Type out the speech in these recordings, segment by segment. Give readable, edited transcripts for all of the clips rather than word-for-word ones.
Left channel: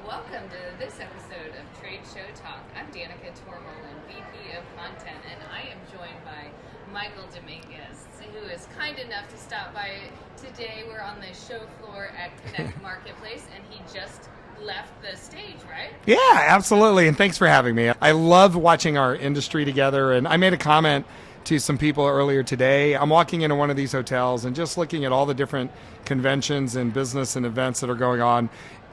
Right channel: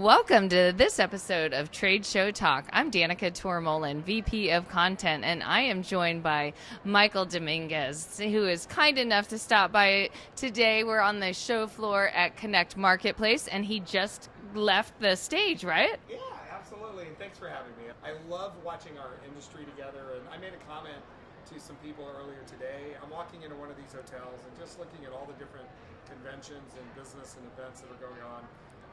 Welcome to this episode of Trade Show Talk. I'm Danica Tormolin, VP of Content, and I am joined by Michael Dominguez, who is kind enough to stop by today. We're on the show floor at Connect Marketplace, and he just left the stage, right? Yeah, absolutely, and thanks for having me. I love watching our industry together, and I made a comment to some people earlier today. I'm walking into one of these hotels and just looking at all the different conventions and business and events that are going on.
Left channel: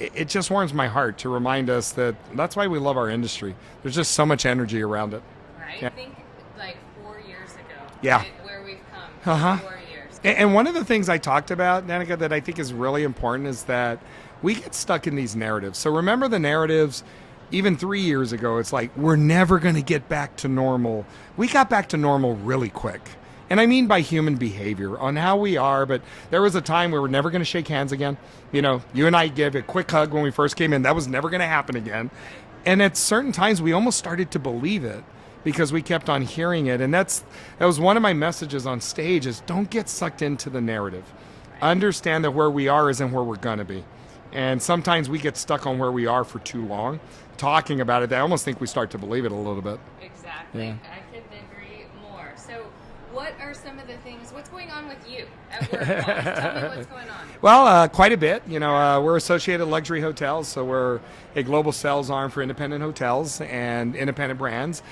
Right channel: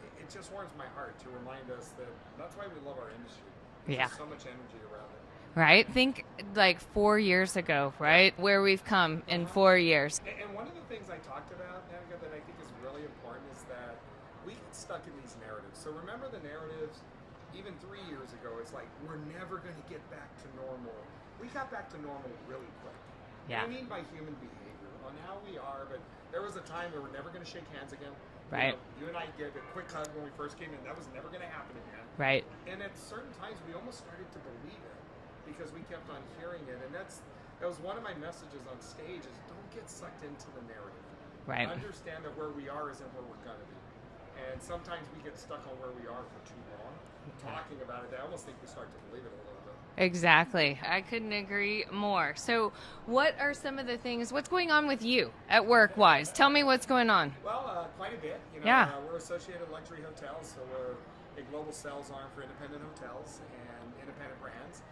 It just warms my heart to remind us that that's why we love our industry. There's just so much energy around it. Right? Yeah. Think like 4 years ago, right? Yeah. Where we've come in 4 years. And one of the things I talked about, Danica, that I think is really important is that we get stuck in these narratives. So remember the narratives even 3 years ago, it's like, we're never going to get back to normal. We got back to normal really quick. And I mean by human behavior, on how we are, but there was a time where we're never going to shake hands again. Right. You know, you and I gave a quick hug when we first came in. That was never going to happen again. Right. And at certain times, we almost started to believe it because we kept on hearing it. And that was one of my messages on stage is don't get sucked into the narrative. Right. Understand that where we are isn't where we're going to be. And sometimes we get stuck on where we are for too long. Talking about it, I almost think we start to believe it a little bit. Exactly. Yeah. I couldn't agree more. So what are some of the things, what's going on with you at work-wise? Tell me what's going on. Well, quite a bit. You know, we're Associated Luxury Hotels, so we're a global sales arm for independent hotels and independent brands.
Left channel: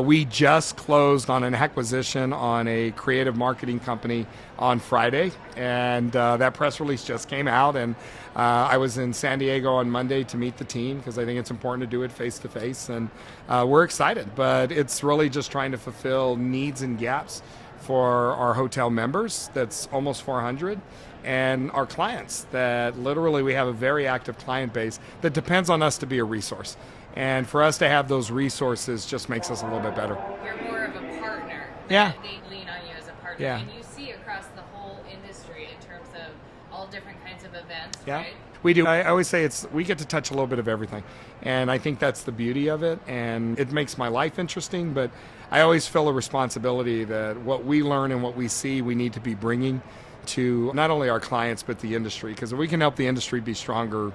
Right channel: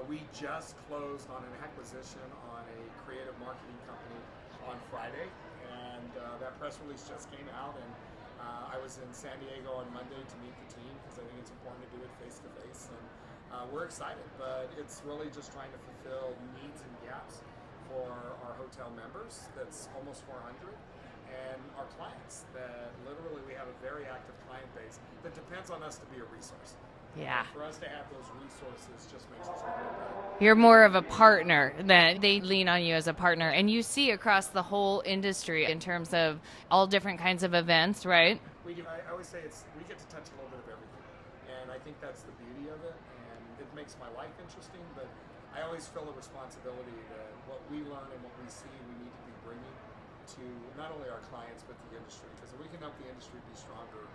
We just closed on an acquisition on a creative marketing company on Friday, and that press release just came out, and I was in San Diego on Monday to meet the team because I think it's important to do it face-to-face, and we're excited, but it's really just trying to fulfill needs and gaps for our hotel members, that's almost 400, and our clients that literally we have a very active client base that depends on us to be a resource. And for us to have those resources just makes us a little bit better. You're more of a partner, that they lean on you as a partner. Yeah. And you see across the whole industry in terms of all different kinds of events, right? We do. I always say we get to touch a little bit of everything. And I think that's the beauty of it. And it makes my life interesting, but I always feel a responsibility that what we learn and what we see, we need to be bringing to not only our clients, but the industry. Because if we can help the industry be stronger,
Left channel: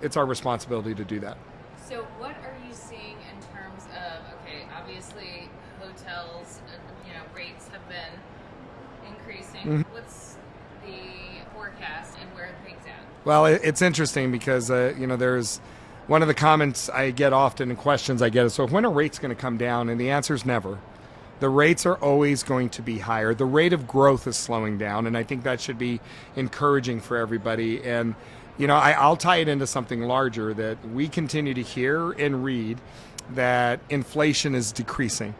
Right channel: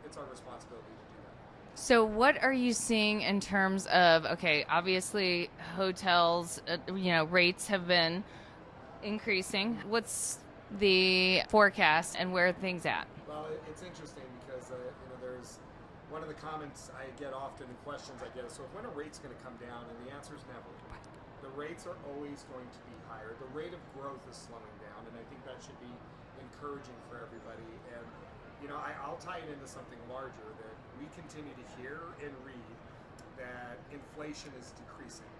it's our responsibility to do that. So what are you seeing in terms of, okay, obviously hotels, rates have been increasing. Mm-hmm. What's the forecast and where are things at? Well, it's interesting because, there's one of the comments I get often and questions I get is, so when are rates going to come down? And the answer is never. The rates are always going to be higher. The rate of growth is slowing down, and I think that should be encouraging for everybody. And I'll tie it into something larger that we continue to hear and read that inflation is decreasing.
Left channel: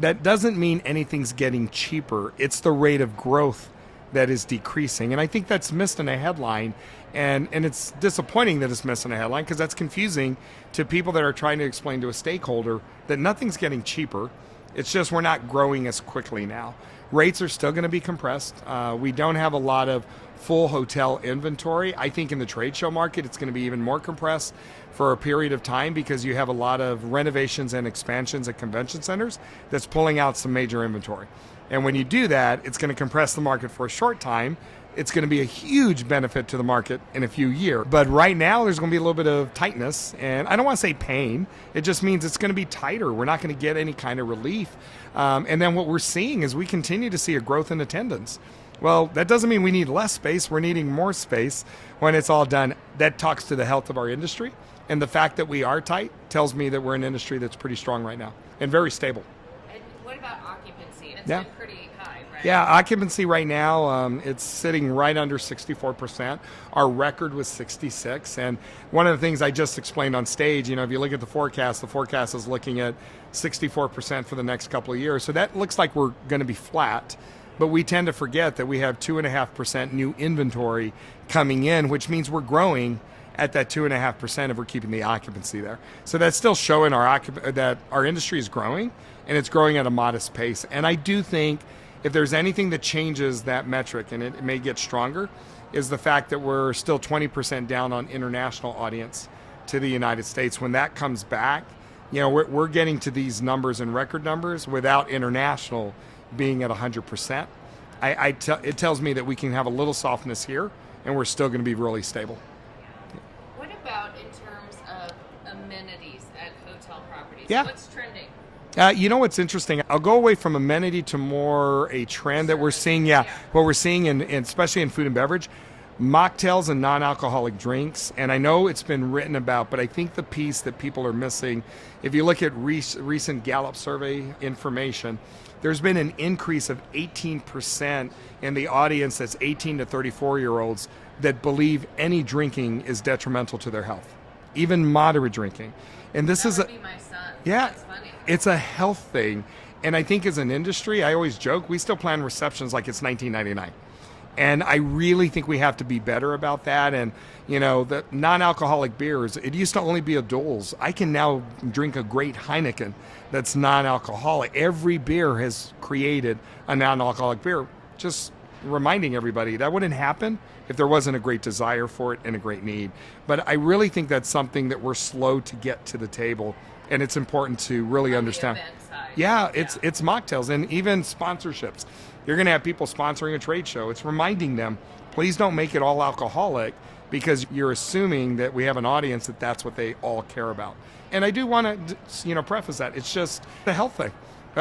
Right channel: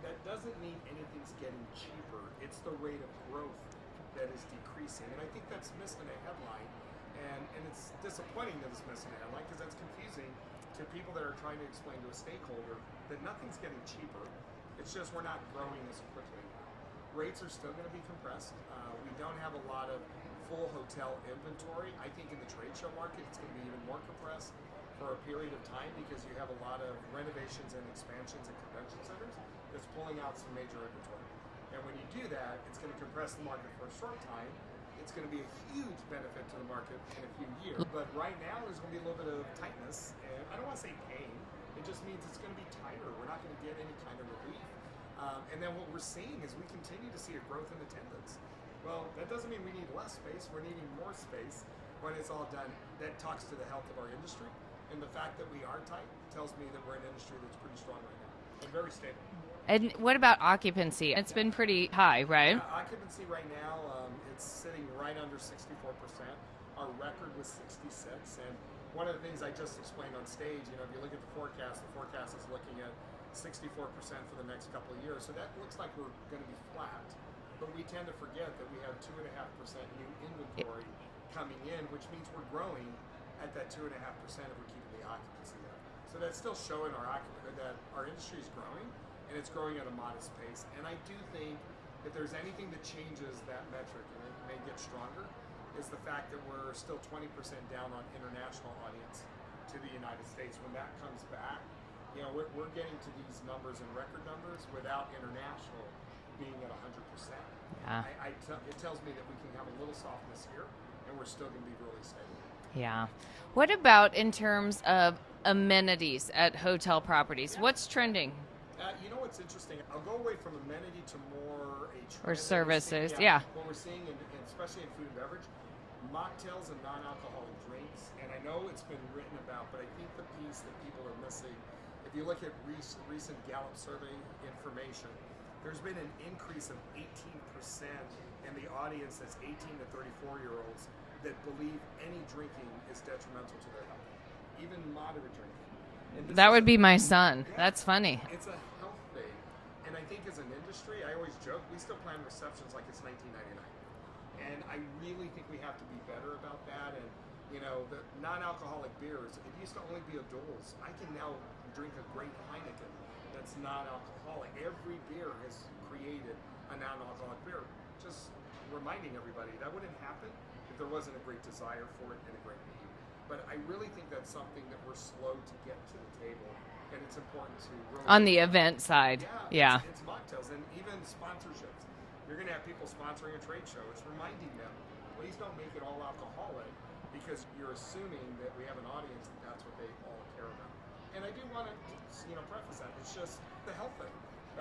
That doesn't mean anything's getting cheaper. It's the rate of growth that is decreasing. And I think that's missed in a headline. And it's disappointing that it's missed in a headline because that's confusing to people that are trying to explain to a stakeholder that nothing's getting cheaper. It's just we're not growing as quickly now. Rates are still going to be compressed. We don't have a lot of full hotel inventory. I think in the trade show market, it's going to be even more compressed for a period of time because you have a lot of renovations and expansions at convention centers that's pulling out some major inventory. And when you do that, it's going to compress the market for a short time. It's going to be a huge benefit to the market in a few years. But right now, there's going to be a little bit of tightness. And I don't want to say pain. It just means it's going to be tighter. We're not going to get any kind of relief. And then what we're seeing is we continue to see a growth in attendance. Well, that doesn't mean we need less space. We're needing more space when it's all done. That talks to the health of our industry. And the fact that we are tight tells me that we're an industry that's pretty strong right now and very stable. And what about occupancy? It's been pretty high, right? Yeah, occupancy right now, it's sitting right under 64%. Our record was 66. And one of the things I just explained on stage, if you look at the forecast is looking at 64% for the next couple of years. So that looks like we're going to be flat. But we tend to forget that we have 2.5% new inventory coming in, which means we're growing at that 2.5% if we're keeping the occupancy there. So that's still showing that our industry is growing, and it's growing at a modest pace. And I do think if there's anything that changes that metric, and it may get stronger, is the fact that we're still 20% down on international audience to the United States. When that comes back, we're getting to these numbers and record numbers without international being at 100%. It tells me that we can have a little softness here, and we're still going to be really stable. Yeah. What about in terms of amenities at hotel properties? Yeah. What's trending? You know what's interesting? I'll go away from amenity to more a trend that we're seeing. Yeah. What we're seeing, especially in food and beverage, mocktails and non-alcoholic drinks. And I know it's been written about, but I think the piece that people are missing, if you look at recent Gallup survey information, there's been an increase of 18% in the audience that's 18 to 34-year-olds that believe any drinking is detrimental to their health, even moderate drinking. And that would be my son. Yeah, That's funny. It's a health thing. And I think as an industry, I always joke, we still plan receptions like it's 1999. And I really think we have to be better about that. And, the non-alcoholic beers, it used to only be a Doles. I can now drink a great Heineken that's non-alcoholic. Every beer has created a non-alcoholic beer. Just reminding everybody that wouldn't happen if there wasn't a great desire for it and a great need. But I really think that's something that we're slow to get to the table, and it's important to really understand. On the event side. Yeah, it's mocktails and even sponsorships. You're going to have people sponsoring a trade show. It's reminding them, please don't make it all alcoholic, because you're assuming that we have an audience that that's what they all care about. And I do want to, preface that. It's just a health thing.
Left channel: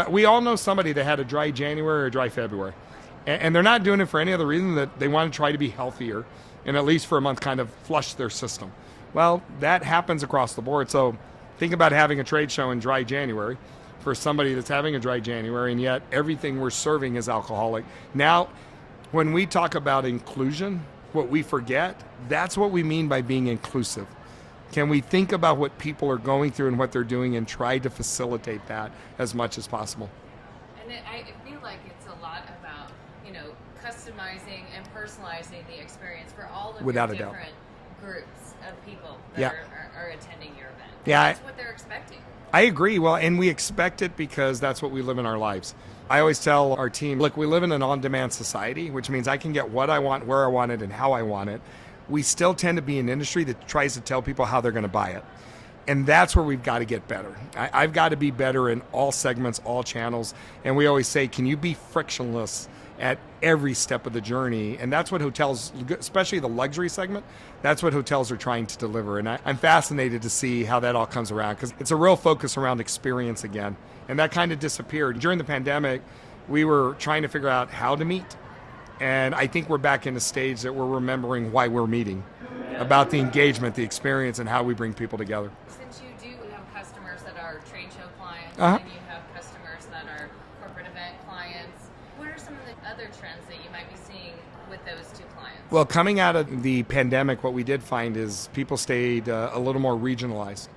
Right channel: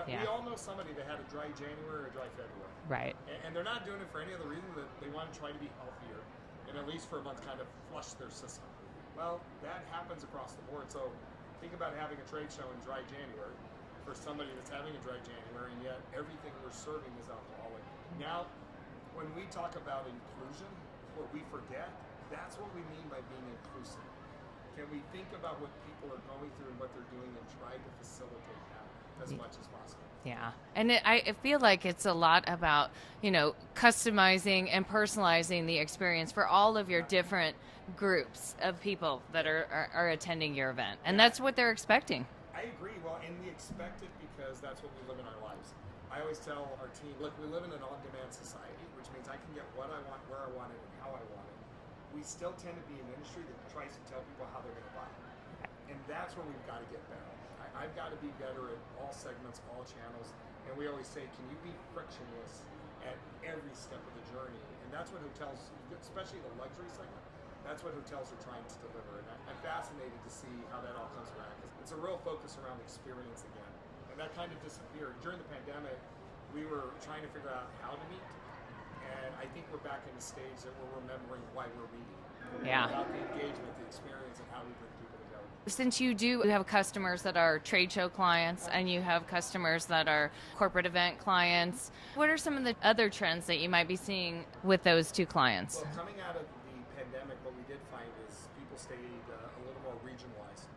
We all know somebody that had a dry January or a dry February. Right. And they're not doing it for any other reason that they want to try to be healthier and at least for a month kind of flush their system. Well, that happens across the board. So think about having a trade show in dry January for somebody that's having a dry January, and yet everything we're serving is alcoholic. Now, when we talk about inclusion, what we forget, that's what we mean by being inclusive. Can we think about what people are going through and what they're doing and try to facilitate that as much as possible? Yeah. And I feel like it's a lot about, customizing and personalizing the experience for all of your different groups of people that are attending your event. And that's what they're expecting. I agree. Well, and we expect it because that's what we live in our lives. I always tell our team, look, we live in an on-demand society, which means I can get what I want, where I want it, and how I want it. We still tend to be an industry that tries to tell people how they're going to buy it. And that's where we've got to get better. I've got to be better in all segments, all channels. And we always say, can you be frictionless at every step of the journey? And that's what hotels, especially the luxury segment, that's what hotels are trying to deliver. And I'm fascinated to see how that all comes around, because it's a real focus around experience again. And that kind of disappeared. During the pandemic, we were trying to figure out how to meet. And I think we're back in a stage that we're remembering why we're meeting, about the engagement, the experience, and how we bring people together. Since you do have customers that are trade show clients and you have customers that are corporate event clients, what are some of the other trends that you might be seeing with those two clients? Well, coming out of the pandemic, what we did find is people stayed a little more regionalized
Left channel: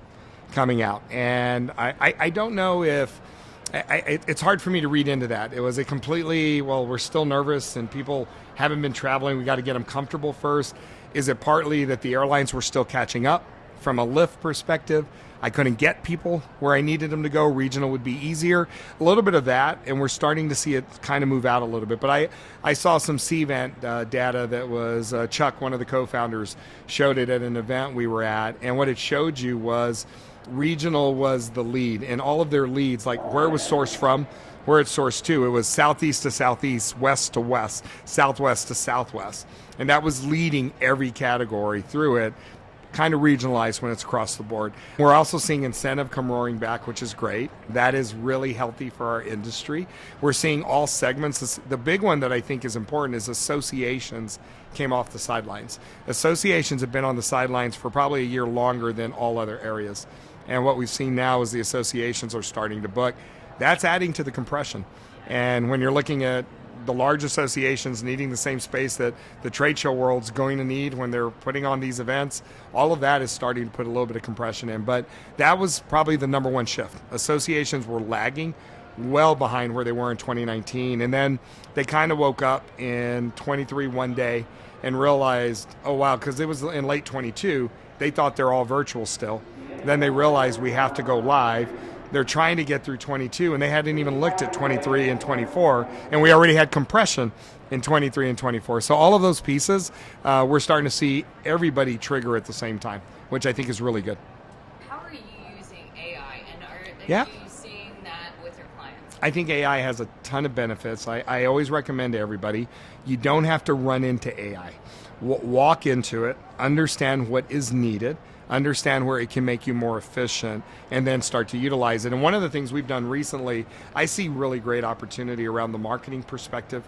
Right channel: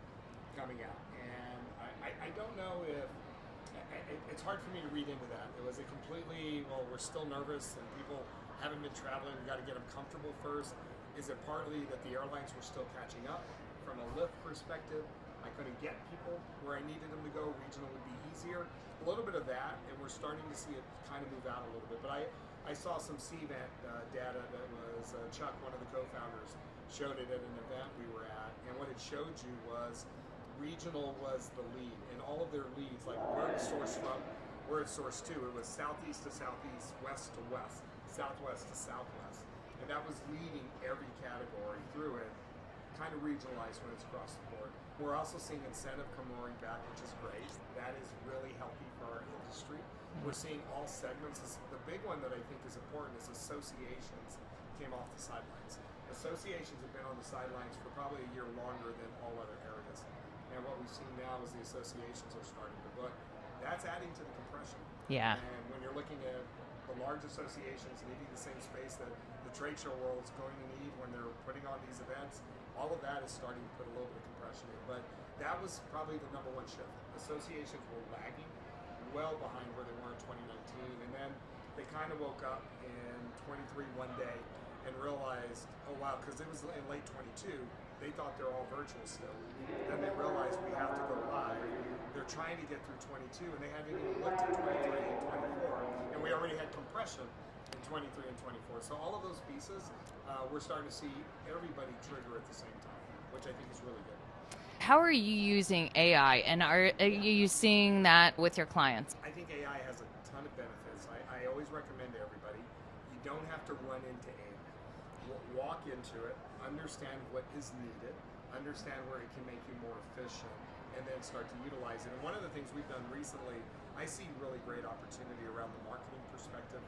coming out. And I don't know if... it's hard for me to read into that. It was a completely, we're still nervous and people haven't been traveling. We got to get them comfortable first. Is it partly that the airlines were still catching up from a lift perspective? I couldn't get people where I needed them to go. Regional would be easier. A little bit of that, and we're starting to see it kind of move out a little bit. But I saw some C-Event data that was Chuck, one of the co-founders, showed it at an event we were at. And what it showed you was regional was the lead, and all of their leads, like where it was sourced from, where it's sourced to, it was southeast to southeast, west to west, southwest to southwest. And that was leading every category through it, kind of regionalized when it's across the board. We're also seeing incentive come roaring back, which is great. That is really healthy for our industry. We're seeing all segments. The big one that I think is important is associations came off the sidelines. Associations have been on the sidelines for probably a year longer than all other areas. And what we've seen now is the associations are starting to book. That's adding to the compression. Yeah. And when you're looking at the large associations needing the same space that the trade show world's going to need when they're putting on these events, all of that is starting to put a little bit of compression in. But that was probably the number one shift. Associations were lagging well behind where they were in 2019. And then they kind of woke up in 23 one day and realized, oh wow, because it was in late 22, they thought they're all virtual still. Then they realized we have to go live. They're trying to get through 22, and they hadn't even looked at 23 and 24, and we already had compression in 23 and 24. So all of those pieces, we're starting to see everybody trigger at the same time, which I think is really good. How are you using AI, and are you seeing that with your clients? I think AI has a ton of benefits. I always recommend to everybody, you don't have to run into AI. walk into it, understand what is needed, understand where it can make you more efficient, and then start to utilize it. And one of the things we've done recently, I see really great opportunity around the marketing perspective.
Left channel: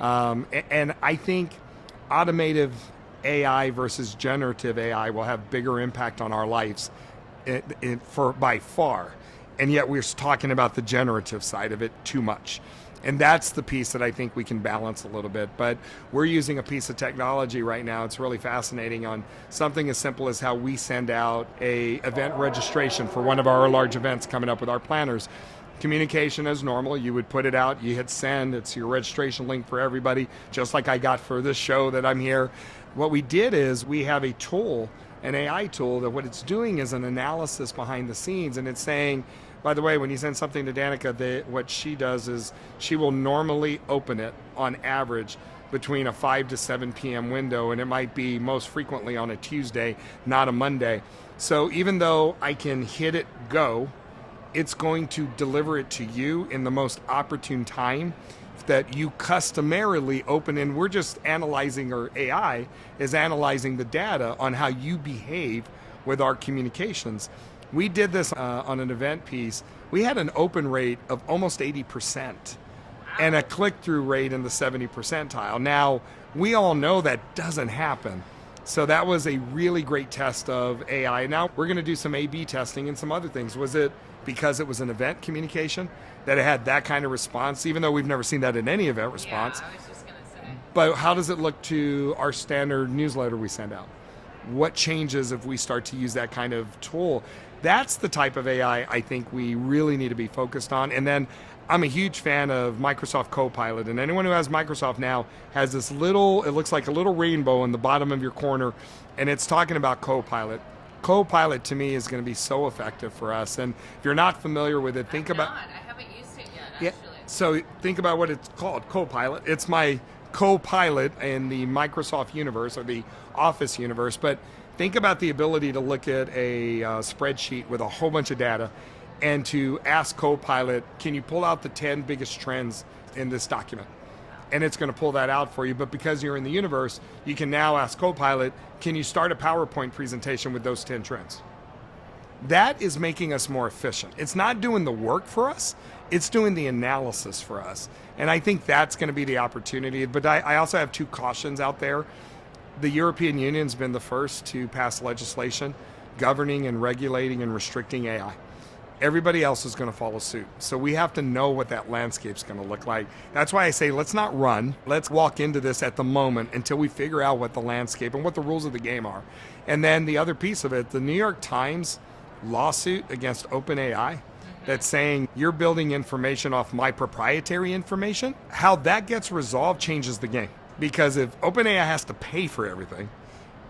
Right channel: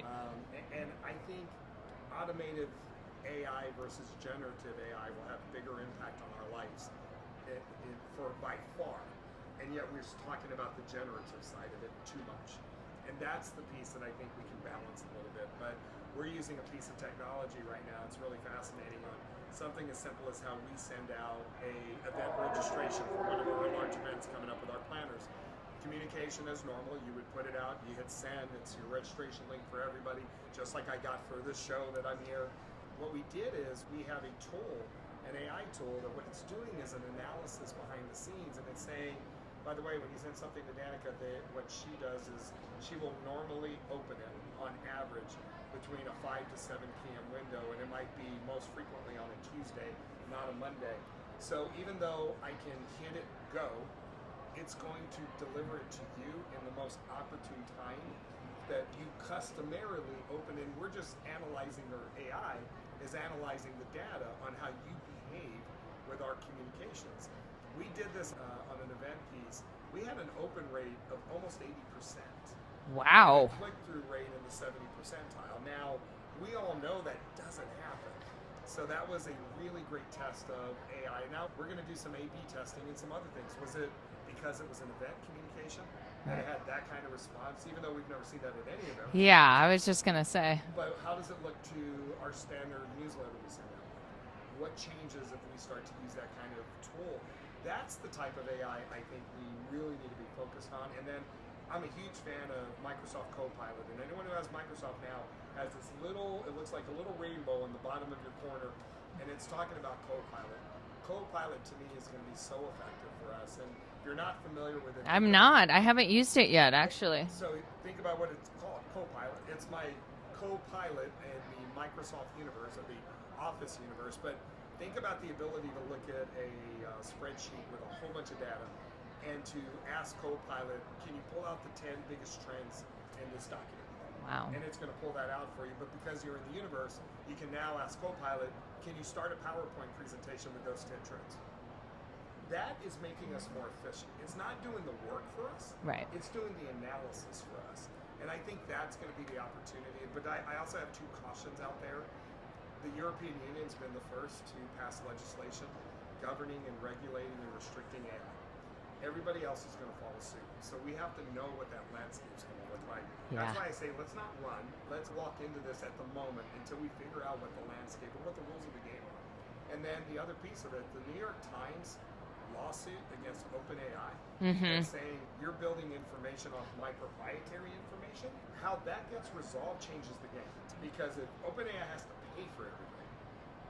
Right. And I think automative AI versus generative AI will have bigger impact on our lives for by far. And yet we're talking about the generative side of it too much. And that's the piece that I think we can balance a little bit. But we're using a piece of technology right now. It's really fascinating on something as simple as how we send out a event registration for one of our large events coming up with our planners. Communication as normal. You would put it out, you hit send, it's your registration link for everybody, just like I got for this show that I'm here. What we did is we have a tool, an AI tool, that what it's doing is an analysis behind the scenes, and it's saying, by the way, when you send something to Danica, what she does is she will normally open it on average between a 5 to 7 p.m. window, and it might be most frequently on a Tuesday, not a Monday. So even though I can hit it go, it's going to deliver it to you in the most opportune time that you customarily open, and we're just analyzing, or AI is analyzing the data on how you behave with our communications. We did this on an event piece. We had an open rate of almost 80%. Wow. And a click-through rate in the 70 percentile. Now, we all know that doesn't happen. So that was a really great test of AI. Now, we're going to do some A/B testing and some other things. Was it because it was an event communication that it had that kind of response, even though we've never seen that in any event response? Yeah, I was just going to say. But how does it look to our standard newsletter we send out? What changes if we start to use that kind of tool? That's the type of AI I think we really need to be focused on. And then I'm a huge fan of Microsoft Copilot, and anyone who has Microsoft now has this little, it looks like a little rainbow in the bottom of your corner, and it's talking about Copilot. Copilot to me is going to be so effective for us. And if you're not familiar with it, think about. I haven't used it yet, actually. Yeah, so think about what it's called, Copilot. It's my co-pilot in the Microsoft universe or the Office universe. But think about the ability to look at a spreadsheet with a whole bunch of data and to ask Copilot, can you pull out the 10 biggest trends in this document? Wow. And it's going to pull that out for you. But because you're in the universe, you can now ask Copilot, can you start a PowerPoint presentation with those 10 trends? That is making us more efficient. It's not doing the work for us. Right. It's doing the analysis for us. And I think that's going to be the opportunity. But I also have two cautions out there. The European Union's been the first to pass legislation governing and regulating and restricting AI. Everybody else is going to follow suit. So we have to know what that landscape's going to look like. That's why I say let's not run. Let's walk into this at the moment until we figure out what the landscape and what the rules of the game are. And then the other piece of it, the New York Times lawsuit against OpenAI that's saying you're building information off my proprietary information, how that gets resolved changes the game. Because if OpenAI has to pay for everything,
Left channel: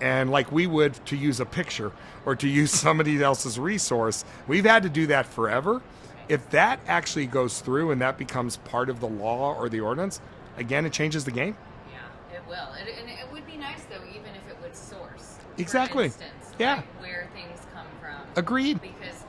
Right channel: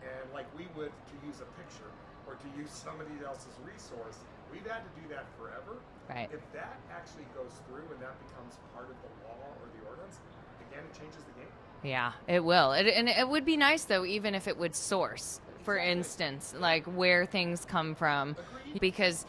and like we would to use a picture or to use somebody else's resource, we've had to do that forever. Right. If that actually goes through and that becomes part of the law or the ordinance, again, it changes the game. Yeah, it will. And it would be nice, though, even if it would source, Exactly. for instance, Yeah. like where things come from. Agreed. Because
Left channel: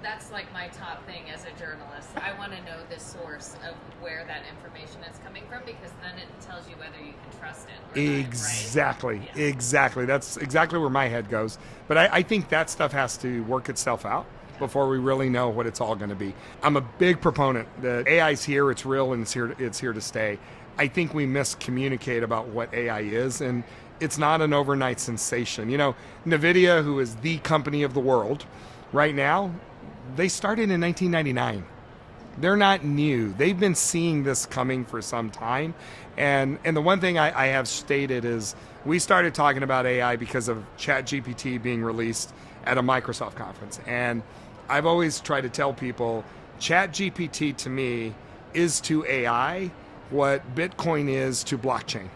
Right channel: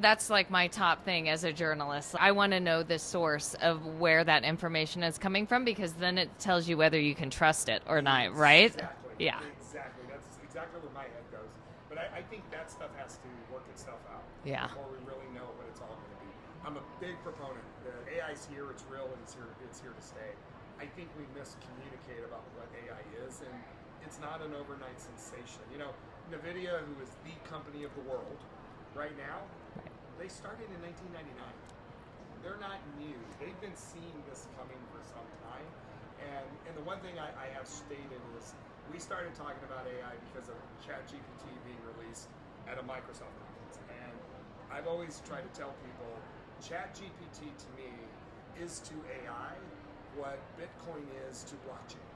that's like my top thing as a journalist. I want to know the source of where that information is coming from, because then it tells you whether you can trust it or not, right? Exactly. Yeah. Exactly. That's exactly where my head goes. But I think that stuff has to work itself out before we really know what it's all going to be. I'm a big proponent that AI's here, it's real, and it's here to stay. I think we miscommunicate about what AI is, and it's not an overnight sensation. You know, NVIDIA, who is the company of the world right now, they started in 1999. They're not new. They've been seeing this coming for some time. And the one thing I have stated is we started talking about AI because of ChatGPT being released at a Microsoft conference. And I've always tried to tell people ChatGPT to me is to AI what Bitcoin is to blockchain.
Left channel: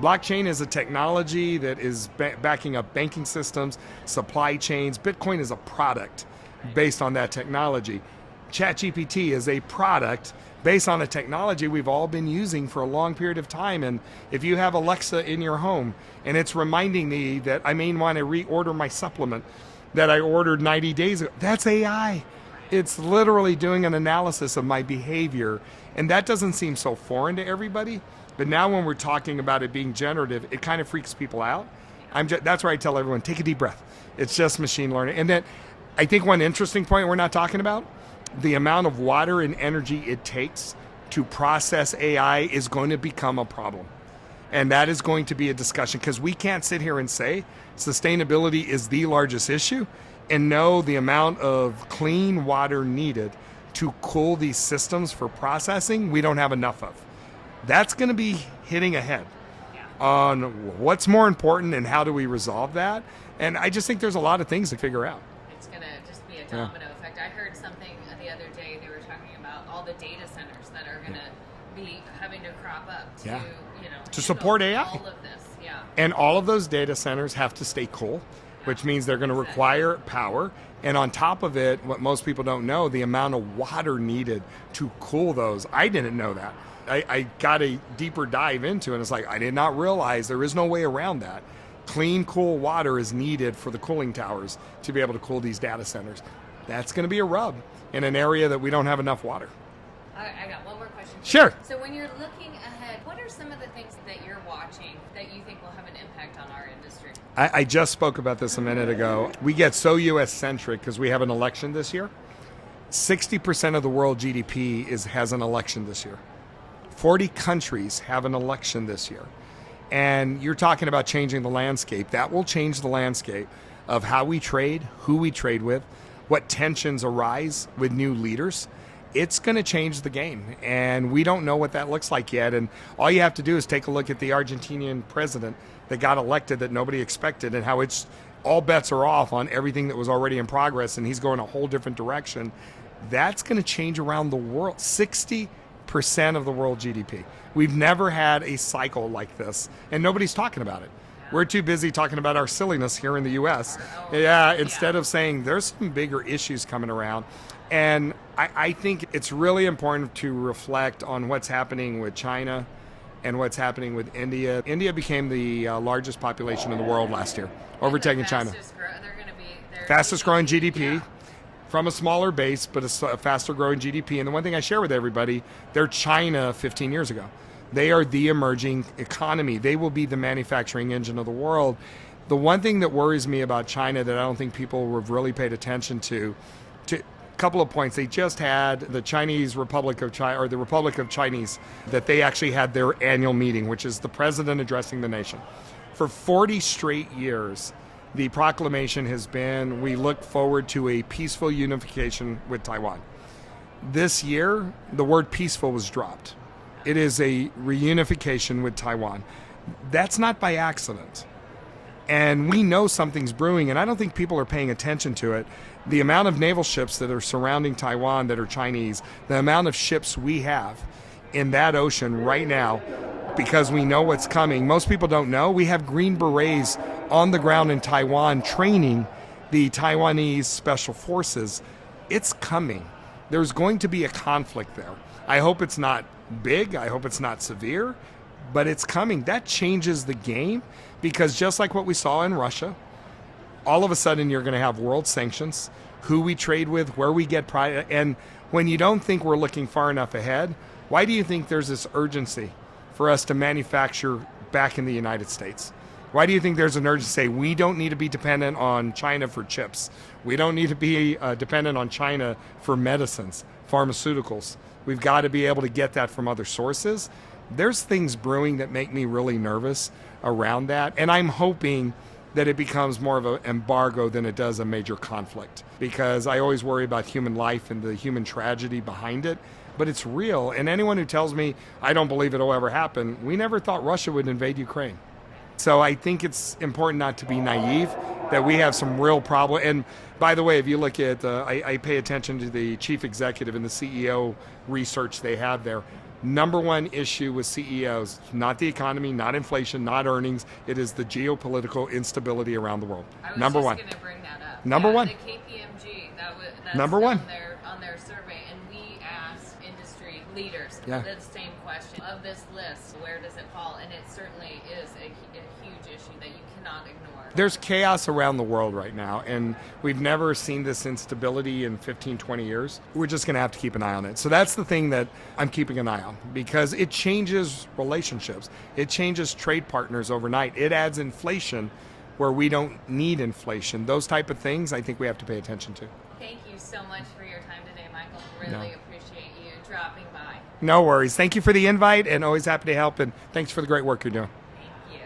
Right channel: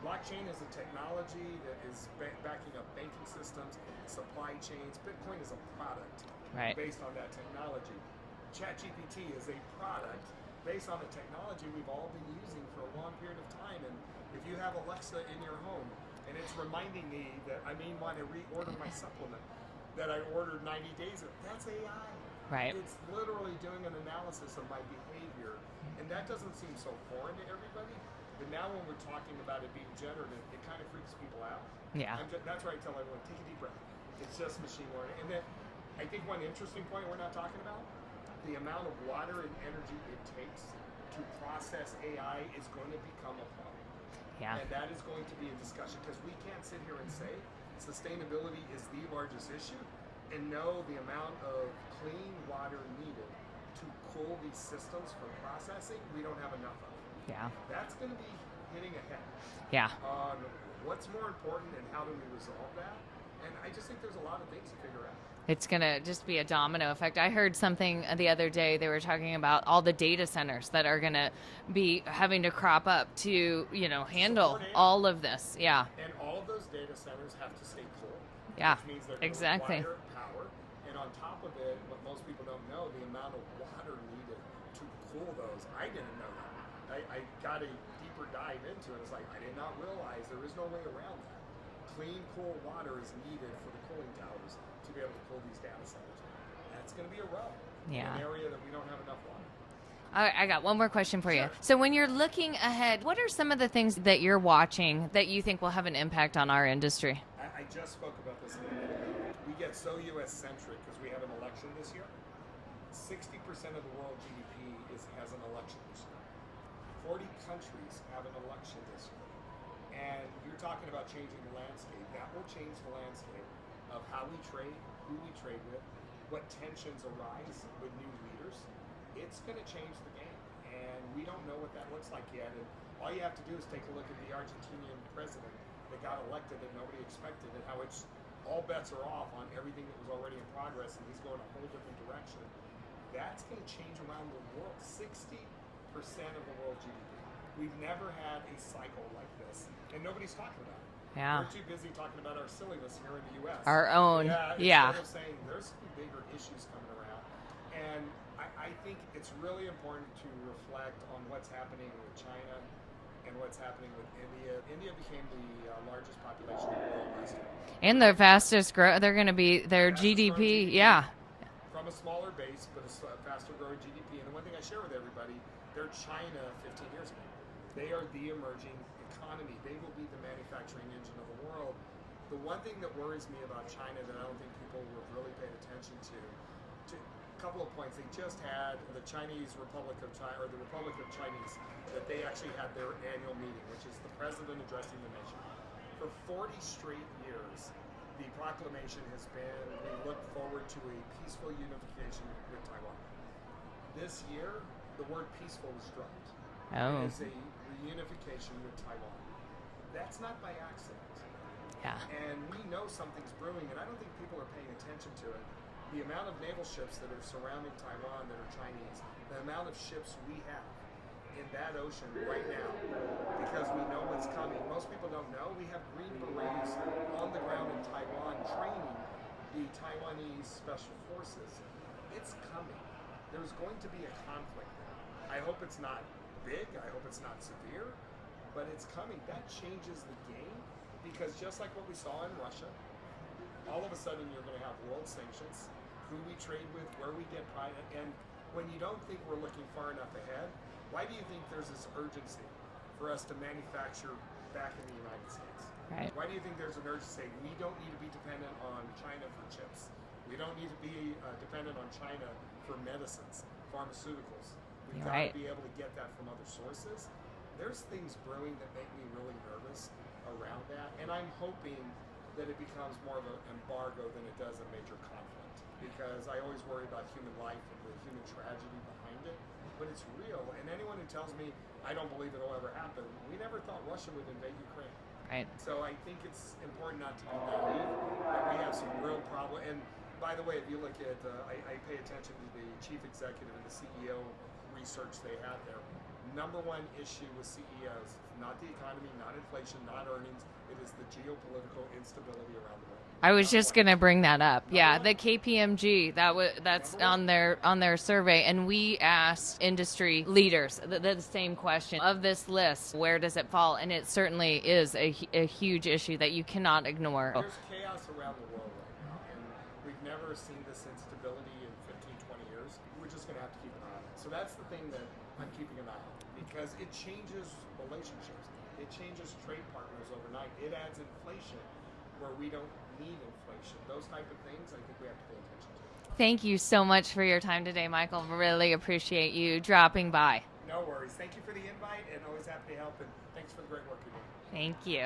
Blockchain is a technology that is backing up banking systems, supply chains. Bitcoin is a product based on that technology. ChatGPT is a product based on a technology we've all been using for a long period of time. And if you have Alexa in your home and it's reminding me that I may want to reorder my supplement that I ordered 90 days ago, that's AI. Right. It's literally doing an analysis of my behavior. And that doesn't seem so foreign to everybody. But now when we're talking about it being generative, it kind of freaks people out. Yeah. That's where I tell everyone, take a deep breath. It's just machine learning. And then I think one interesting point we're not talking about, the amount of water and energy it takes to process AI is going to become a problem. Yeah. And that is going to be a discussion, because we can't sit here and say sustainability is the largest issue and know the amount of clean water needed to cool these systems for processing, we don't have enough of. Yeah. That's going to be hitting ahead Yeah. on what's more important and how do we resolve that. And I just think there's a lot of things to figure out. It's going to just be a domino effect. I heard something the other day. They were talking about all the data centers that are going to be having to crop up to, handle support AI. all of this. Yeah. And all of those data centers have to stay cool, which means they're going to require power. And on top of it, what most people don't know, the amount of water needed to cool those. I didn't know that. I got a deeper dive into it, and it's like, I did not realize there is no way around that. Clean, cool water is needed for the cooling towers to be able to cool these data centers. That's going to be a rub in an area that we don't have enough water. I got one more question for you. Sure. So when you're looking ahead, what are some of the things that you're watching that you think will have an impact on our industry? I just spoke about this a minute ago. We get so U.S.-centric because we have an election this year. 60% of the world GDP has an election this year. 40 countries have an election this year. And you're talking about changing the landscape. That will change the landscape of how we trade, who we trade with, what tensions arise with new leaders. It's going to change the game, and we don't know what that looks like yet. And all you have to do is take a look at the Argentinian president that got elected that nobody expected, and how it's all bets are off on everything that was already in progress, and he's going a whole different direction. That's going to change around the world. 60% of the world GDP. We've never had a cycle like this, and nobody's talking about it. Yeah. We're too busy talking about our silliness here in the U.S. Our own. Yeah, instead of saying there's some bigger issues coming around. And I think it's really important to reflect on what's happening with China and what's happening with India. India became the largest population in the world last year, overtaking China. They're going to be their fastest growing GDP. Yeah. From a smaller base, but a faster growing GDP. And the one thing I share with everybody, they're China 15 years ago. They are the emerging economy. They will be the manufacturing engine of the world. The one thing that worries me about China that I don't think people have really paid attention to a couple of points. They just had the Chinese Republic of China, or the Republic of Chinese, that they actually had their annual meeting, which is the president addressing the nation. For 40 straight years, the proclamation has been, we look forward to a peaceful unification with Taiwan. This year, the word peaceful was dropped. Oh. It is a reunification with Taiwan. That's not by accident. Yeah. And we know something's brewing, and I don't think people are paying attention to it. The amount of naval ships that are surrounding Taiwan that are Chinese, the amount of ships we have in that ocean right now, because we know what's coming. Most people don't know. We have Green Berets on the ground in Taiwan training the Taiwanese special forces. It's coming. There's going to be a conflict there. I hope it's not big. I hope it's not severe, but it's coming. That changes the game, because just like what we saw in Russia, all of a sudden you're going to have world sanctions, who we trade with, where we get product. And when you don't think we're looking far enough ahead, why do you think there's this urgency for us to manufacture back in the United States? Why do you think there's an urgency to say we don't need to be dependent on China for chips? We don't need to be dependent on China for medicines, pharmaceuticals. We've got to be able to get that from other sources. There's things brewing that make me really nervous around that. And I'm hoping that it becomes more of an embargo than it does a major conflict, because I always worry about human life and the human tragedy behind it. But it's real. And anyone who tells me I don't believe it'll ever happen, we never thought Russia would invade Ukraine. So I think it's important not to be naive, that we have some real problem. And by the way, if you look at, I pay attention to the chief executive and the CEO research they have there. Number one issue with CEOs, not the economy, not inflation, not earnings. It is the geopolitical instability around the world. I was just going to bring that up. Number one. The KPMG, that's Number one. on their survey, and we asked industry leaders the same question. Of this list, where does it fall? And it certainly is a huge issue that you cannot ignore. There's chaos around the world right now, and we've never seen this instability in 15, 20 years. We're just going to have to keep an eye on it. So that's the thing that I'm keeping an eye on. down because it changes relationships. It changes trade partners overnight. It adds inflation where we don't need inflation. Those type of things I think we have to pay attention to. Thank you so much for your time today, Michael. Really appreciate you dropping by. No worries. Thank you for the invite and always happy to help, and thanks for the great work you're doing. Thank you.